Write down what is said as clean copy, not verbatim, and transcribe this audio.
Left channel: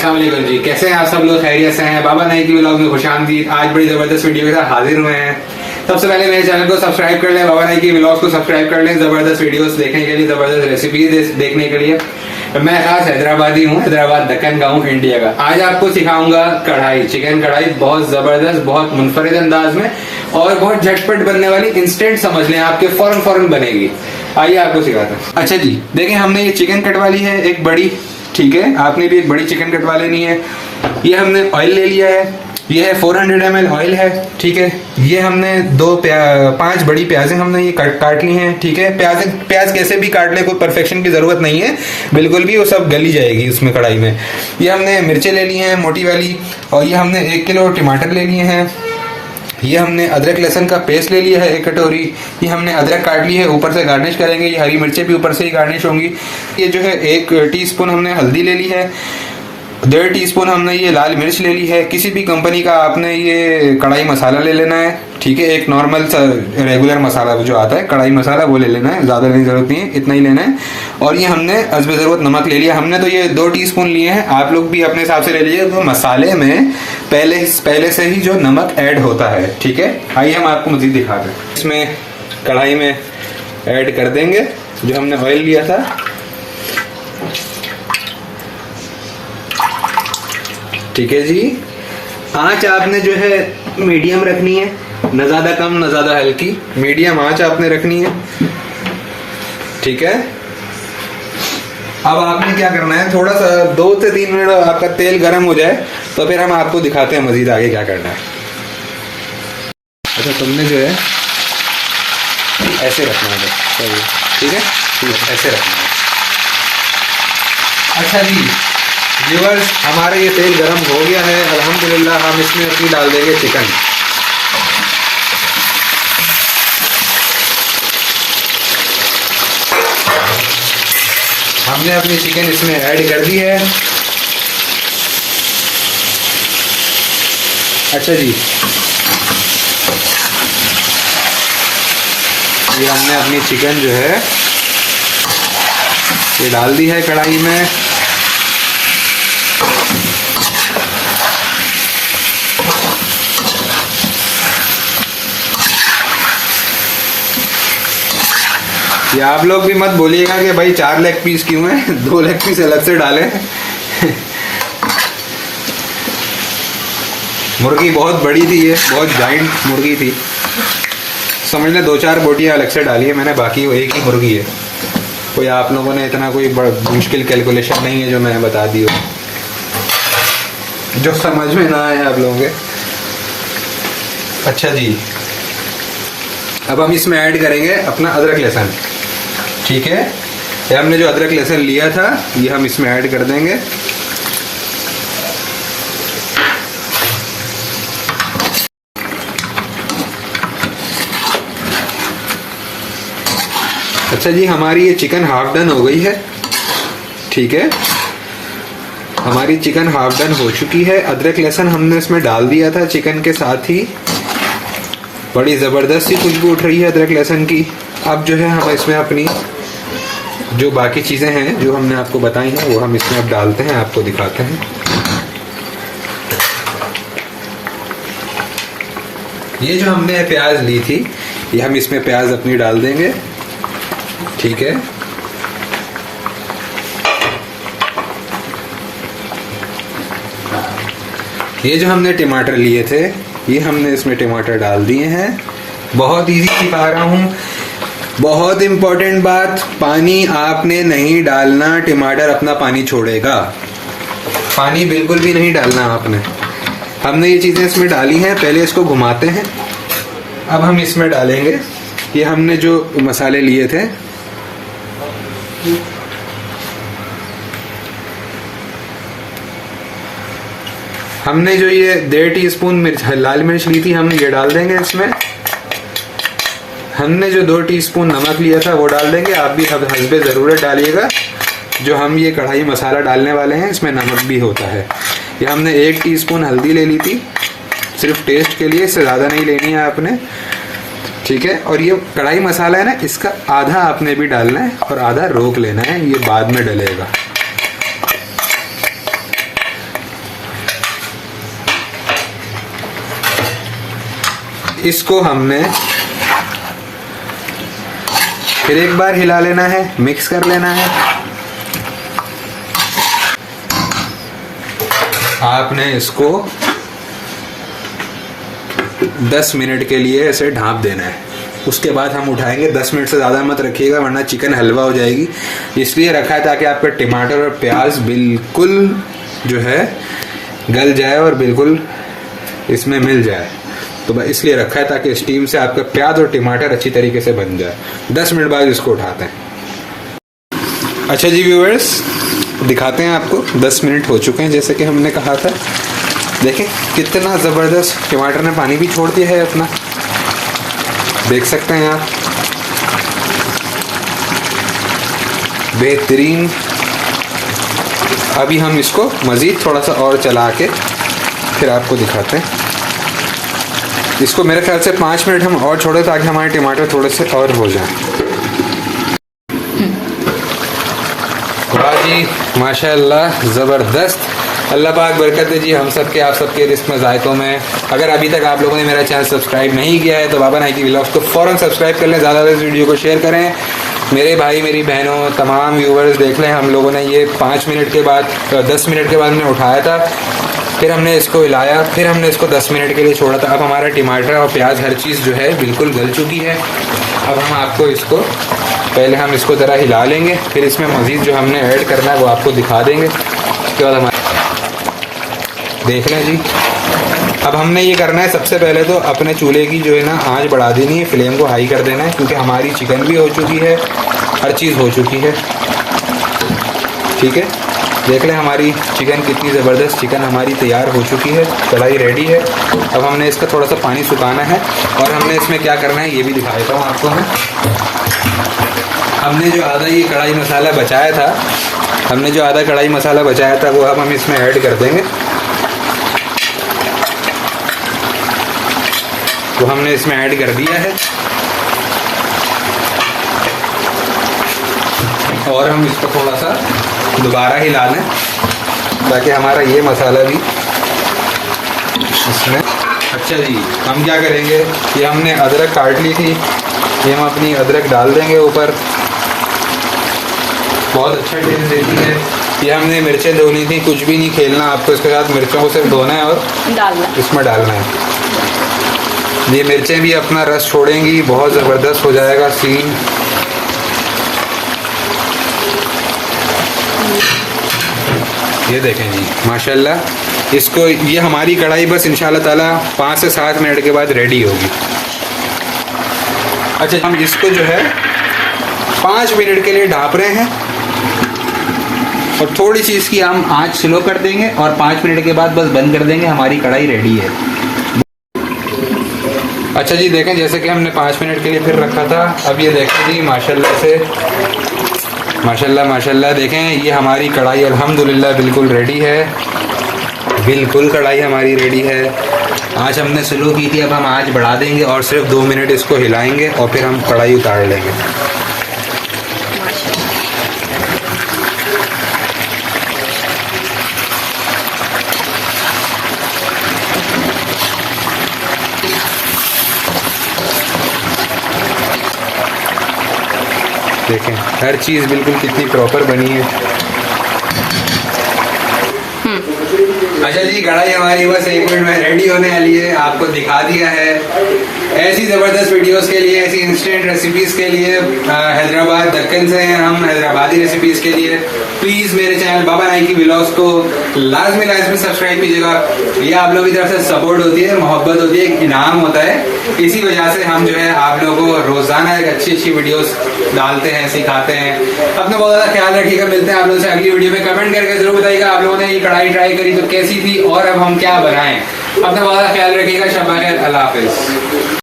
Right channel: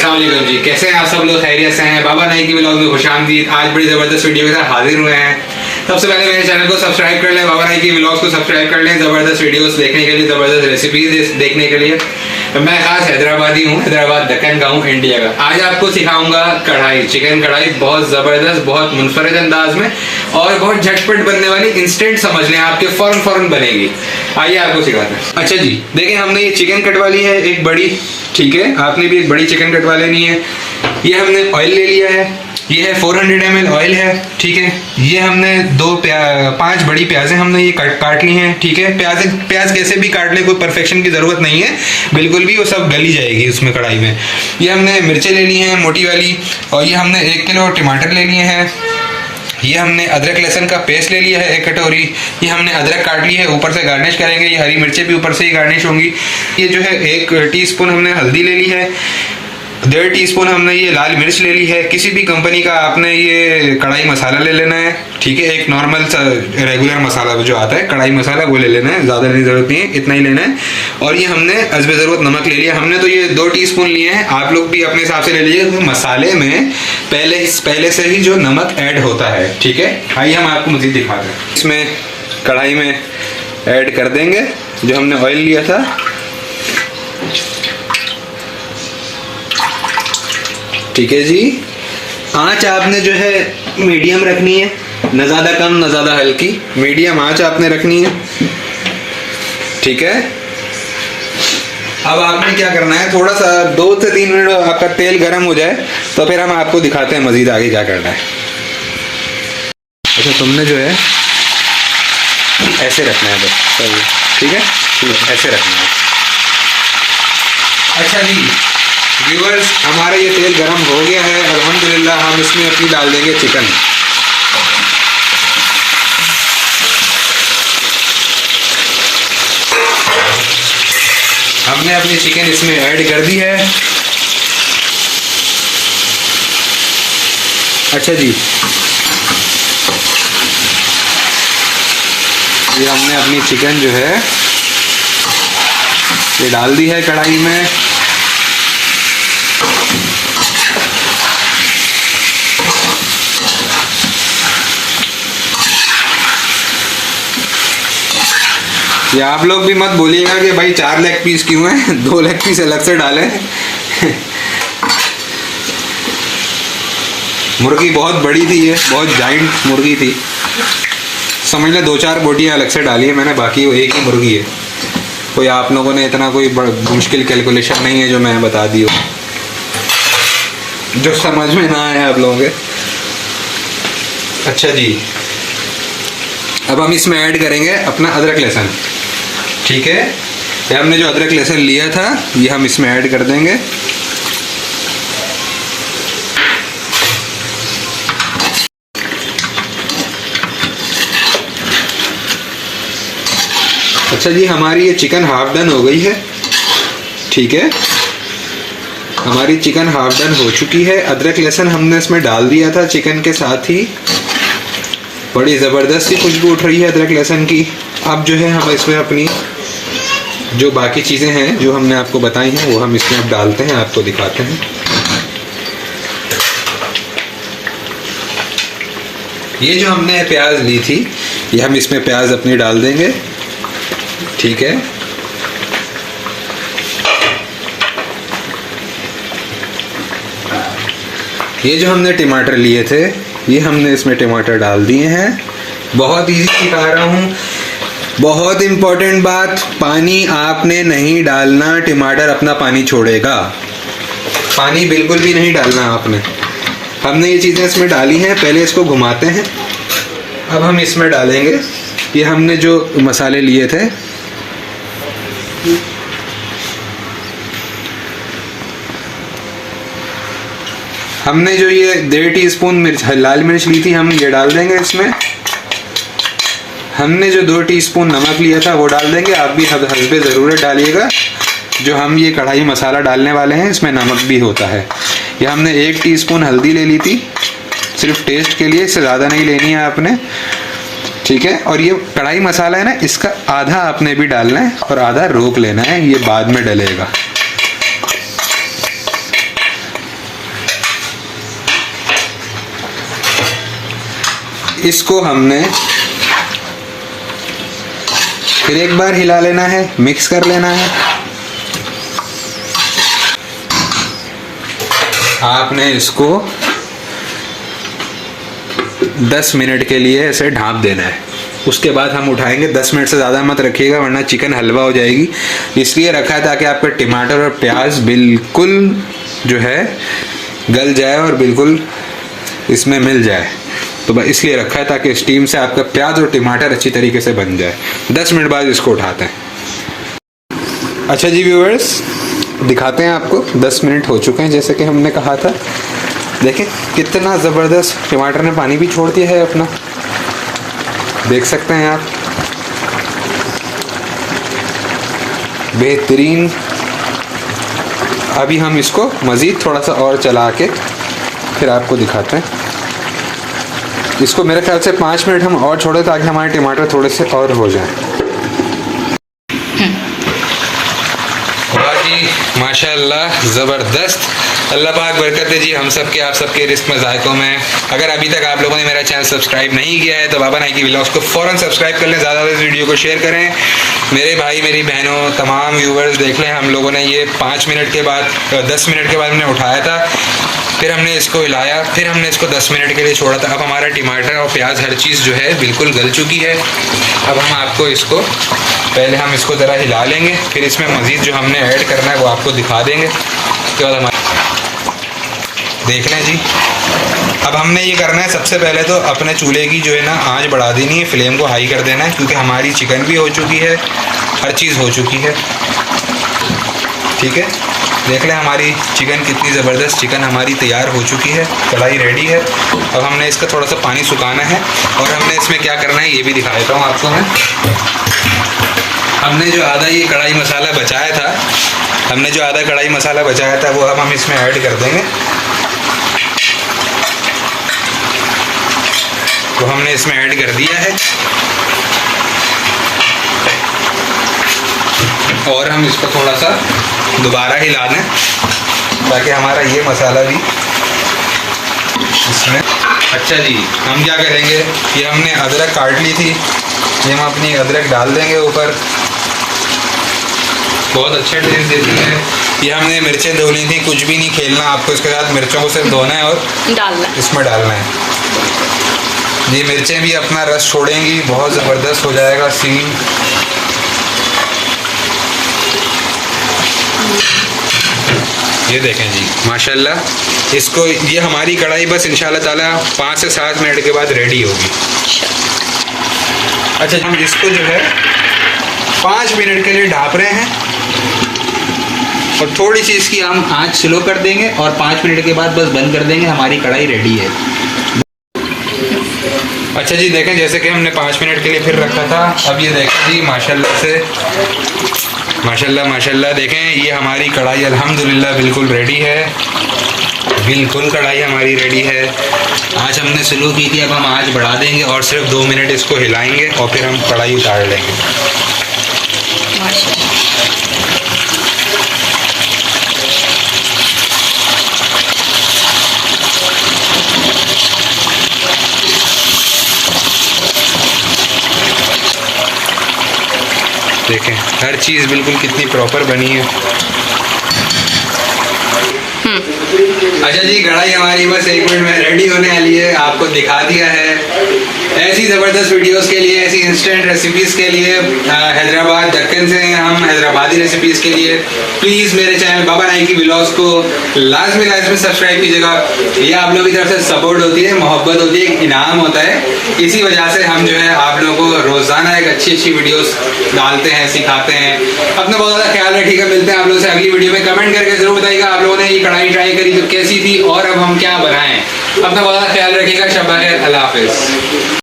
अस्सलाम वालेकुम जी, कैसे हैं आप सब लोग? खैरियत से हैं? बाबा नाई की व्लॉग में खुशामदीद। आज बड़ी ज़बरदस्त वीडियो के साथ हाजिर हुए हैं। सबसे पहले मेरे चैनल को सब्सक्राइब कर लें, बाबा नाई की व्लॉग्स को सब्सक्राइब कर लें ज़बरदस्त वीडियोस देखने के लिए, ज़बरदस्त रेसिपीज देखने के लिए। मैं खास हैदराबादी हूँ, हैदराबाद दक्कन का हूँ, इंडिया का। आज आपको सिखाऊंगा कढ़ाई, चिकन कढ़ाई, बहुत ज़बरदस्त, बहुत मुनफरिद अंदाज में और बहुत झटपट बनने वाली, इंस्टेंट समझ लें, आपके फ़ौरन बनेगी। आइए आपको सिखाते हैं। अच्छा जी, देखें हमने ये चिकन कटवा ली है एक बड़ी, ठीक है, आपने भी एक बड़ी चिकन कटवा लेनी है। ये हमने ऑयल ले लिया है, ये है 400 ml ऑयल है, ठीक है। ये हमने 5 बड़ी प्याज़ें हमने ये काट ली हैं, ठीक है। प्याज कैसे भी काट लें, कोई परफेक्शन की ज़रूरत नहीं है, बिल्कुल भी, वो सब गली जाएगी उसमें कढ़ाई में। ये हमने मिर्चें ले ली हैं मोटी वाली, और ये हमने 1 किलो टमाटर ले लिए हैं। ये हमने अदरक लहसुन का पेस्ट ले लिया है 1 कटोरी। ये हमने अदरक काट ली है, ऊपर से गार्निश करेंगे। ये हरी मिर्चें भी ऊपर से ही गार्निश होंगी। ये जो है 1 टीस्पून हमने हल्दी ले ली है, 1.5 टीस्पून हमने ये लाल मिर्च ले ली है। किसी भी कंपनी का आपने ये कढ़ाई मसाला ले लेना है, ठीक है। एक नॉर्मल सा रेगुलर मसाला जो आता है कढ़ाई मसाला, वो ले लेना है, ज़्यादा नहीं, ज़रूरत नहीं है, इतना ही लेना है। और ये हमने हस्बे ज़रूरत नमक ले लिया। हमने तो ये 2 टीस्पून लिए हैं, आप लोग भी अपने हिसाब से ले लीजिए, तो मसाले में पहले से ही जो नमक ऐड होता है, ठीक है। आइए हम आपको मज़ीद दिखाते हैं। इसमें कढ़ाई में ऐड कर देंगे जो हमने ऑयल लिया था, ठीक है जी। आंच आपने जो है मीडियम रखनी है, न ज़्यादा कम न ज़्यादा हल्की, मीडियम आंच आपने रखनी है, ठीक है। अब आपने क्या करना है, थोड़ा सा 2 से 3 मिनट आपका तेल गर्म हो जाए तो फिर हम आपको दिखाते हैं मज़ीद आगे क्या करना है। अच्छा, तुमने जो है ऐसे रखना है बस, सही, ठीक है, ऐसे रखना है। अच्छा जी व्यूअर्स, हमारा ये तेल गरम हो गया है अल्हम्दुलिल्लाह। हम इसमें अपनी डाल देंगे चिकन। हमने अपनी चिकन इसमें ऐड कर दी है। अच्छा जी, ये हमने अपनी चिकन जो है ये डाल दी है कढ़ाई में। ये आप लोग भी मत बोलिएगा कि भाई 4 लेग पीस क्यों है, 2 लेग पीस अलग से डालें। मुर्गी बहुत बड़ी थी, ये बहुत जाइंट मुर्गी थी, समझ ले 2-4 बोटियाँ अलग से डाली है मैंने, बाकी वो एक ही मुर्गी है। कोई आप लोगों ने इतना कोई मुश्किल कैलकुलेशन नहीं है जो मैं बता दी हो, जो समझ में ना आए आप लोगों के। अच्छा जी, अब हम इसमें ऐड करेंगे अपना अदरक लहसुन, ठीक है। ये हमने जो अदरक लहसुन लिया था ये हम इसमें ऐड कर देंगे। अच्छा जी, हमारी ये चिकन हाफ डन हो गई है, ठीक है। हमारी चिकन हाफ डन हो चुकी है। अदरक लहसुन हमने इसमें डाल दिया था चिकन के साथ ही, बड़ी ज़बरदस्त सी खुशबू उठ रही है अदरक लहसुन की। अब जो है हम इसमें अपनी जो बाकी चीज़ें हैं जो हमने आपको बताई हैं वो हम इसमें अब डालते हैं, आपको दिखाते हैं। ये जो हमने प्याज ली थी ये हम इसमें प्याज अपनी डाल देंगे, ठीक है। ये जो हमने टमाटर लिए थे ये हमने इसमें टमाटर डाल दिए हैं। बहुत इजी सिखा रहा हूँ, बहुत इम्पोर्टेंट बात, पानी आपने नहीं डालना, टमाटर अपना पानी छोड़ेगा, पानी बिल्कुल भी नहीं डालना आपने। हमने ये चीज़ें इसमें डाली हैं, पहले इसको घुमाते हैं। अब हम इसमें डालेंगे ये हमने जो मसाले लिए थे, हमने जो ये 1.5 टीस्पून लाल मिर्च ली थी हम ये डाल देंगे इसमें। हमने जो 2 टीस्पून नमक लिया था वो डाल देंगे, आप भी हस्बे ज़रूरत डालिएगा। जो हम ये कढ़ाई मसाला डालने वाले हैं इसमें नमक भी होता है। ये हमने 1 टीस्पून हल्दी ले ली थी, सिर्फ टेस्ट के लिए, इससे ज़्यादा नहीं लेनी है आपने, ठीक है। और ये कढ़ाई मसाला है ना, इसका आधा आपने भी डालना है और आधा रोक लेना है, ये बाद में डलेगा। इसको हमने फिर एक बार हिला लेना है, मिक्स कर लेना है। आपने इसको 10 मिनट के लिए ऐसे ढाँप देना है। उसके बाद हम उठाएंगे। 10 मिनट से ज़्यादा मत रखिएगा वरना चिकन हलवा हो जाएगी। इसलिए रखा है ताकि आपका टमाटर और प्याज बिल्कुल जो है गल जाए और बिल्कुल इसमें मिल जाए। तो बस इसलिए रखा है ताकि स्टीम से आपका प्याज और टमाटर अच्छी तरीके से बन जाए। 10 मिनट बाद इसको उठाते हैं। अच्छा जी व्यूअर्स, दिखाते हैं आपको। 10 मिनट हो चुके हैं जैसे कि हमने कहा था। देखें कितना ज़बरदस्त टमाटर ने पानी भी छोड़ दिया है अपना, देख सकते हैं आप। बेहतरीन। अभी हम इसको मज़ीद थोड़ा सा और चला के फिर आपको दिखाते हैं। इसको मेरे ख्याल से 5 मिनट हम और छोड़े ताकि हमारे टमाटर थोड़े से और हो जाएं। वाह जी माशाल्लाह, ज़बरदस्त। अल्लाह पाक बरकत दे जी हम सब के, आप सबके रिस्क में जायकों में। अगर अभी तक आप लोगों ने मेरा चैनल सब्सक्राइब नहीं किया है तो बाबा नाइकी व्लॉग्स को फ़ौरन सब्सक्राइब कर लें, ज़्यादा से वीडियो को शेयर करें। मेरे भाई मेरी बहनों तमाम व्यूवर्स देख लें। हम लोगों ने ये 5 मिनट के बाद 10 मिनट के बाद हमने उठाया था, फिर हमने इसको हिलाया, फिर हमने इसको 10 मिनट के लिए छोड़ा था। अब हमारा टमाटर और प्याज हर चीज़ जो है बिल्कुल गल चुकी है। अब हम आपको इसको पहले हम इसको ज़रा हिला लेंगे, फिर इसमें मज़ीद जो हमने ऐड करना है वो आपको दिखा देंगे। उसके बाद हमारे देख लें जी। अब हमने ये करना है, सबसे पहले तो अपने चूल्हे की जो है ना आंच बढ़ा देनी है, फ्लेम को हाई कर देना है क्योंकि हमारी चिकन भी हो चुकी है, हर चीज़ हो चुकी है। ठीक है, देख लें हमारी चिकन कितनी ज़बरदस्त चिकन हमारी तैयार हो चुकी है, कढ़ाई रेडी है। अब हमने इसका थोड़ा सा पानी सुखाना है और हमने इसमें क्या करना है ये भी दिखा देता हूँ आपको मैं। हमने जो आधा ये कढ़ाई मसाला बचाया था वो अब हम इसमें ऐड कर देंगे। वो हमने इसमें ऐड कर दिया है और हम इसको थोड़ा सा दोबारा हिला लें ताकि हमारा ये मसाला भी इसमें। अच्छा जी, हम क्या करेंगे, ये हमने अदरक काट ली थी, ये हम अपनी अदरक डाल देंगे ऊपर, बहुत अच्छा टेस्ट देती है। ये हमने मिर्चें धो ली थी, कुछ भी नहीं खेलना आपको इसके साथ, मिर्चों को सिर्फ धोना है और इसमें डालना है। ये मिर्चें भी अपना रस छोड़ेंगी, बहुत ज़बरदस्त हो जाएगा सीन। ये देखें जी माशाल्लाह। इसको ये हमारी कढ़ाई बस इंशाल्लाह ताला 5 से 7 मिनट के बाद रेडी होगी। अच्छा, हम इसको जो है 5 मिनट के लिए ढाँप रहे हैं और थोड़ी सी इसकी हम आँच स्लो कर देंगे और 5 मिनट के बाद बस बंद कर देंगे, हमारी कढ़ाई रेडी है। अच्छा जी, देखें जैसे कि हमने 5 मिनट के लिए फिर रखा था। अब ये देखें जी माशाल्लाह से, माशाल्लाह देखें ये हमारी कढ़ाई अल्हम्दुलिल्लाह बिल्कुल रेडी है, बिल्कुल कढ़ाई हमारी रेडी है। आँच हमने स्लो की थी, अब हम आँच बढ़ा देंगे और सिर्फ 2 मिनट इसको हिलाएंगे और फिर हम कढ़ाई उतार लेंगे। देखें हर चीज़ बिल्कुल कितनी प्रॉपर बनी है। अच्छा जी, कढ़ाई हमारी बस 1 मिनट में रेडी होने वाली है, आपको दिखा दिया है। ऐसी ज़बरदस्त वीडियोस के लिए, ऐसी इंस्टेंट रेसिपीज़ के लिए, हैदराबाद दक्कन से हैं हम, हैदराबादी रेसिपीज़ के लिए प्लीज़ मेरे चैनल बाबा नाइकी व्लॉग्स को लाजमी सब्सक्राइब कीजिएगा। ये आप लोगों की तरफ से सपोर्ट होती है, मोहब्बत होती है, एक इनाम होता है। इसी वजह से हम जो है आप लोगों को रोज़ाना एक अच्छी वीडियोस डालते हैं, सिखाते हैं। अपना बहुत ज़्यादा ख्याल रखिएगा। मिलते हैं आप लोगों से अगली वीडियो में। कमेंट करके ज़रूर बताइएगा आप लोगों ने ये कढ़ाई ट्राई करी तो कैसी थी और अब हम क्या बनाएं। अपना बहुत ख्याल रखिएगा। शब्बा खैर, अल्लाह हाफिज़।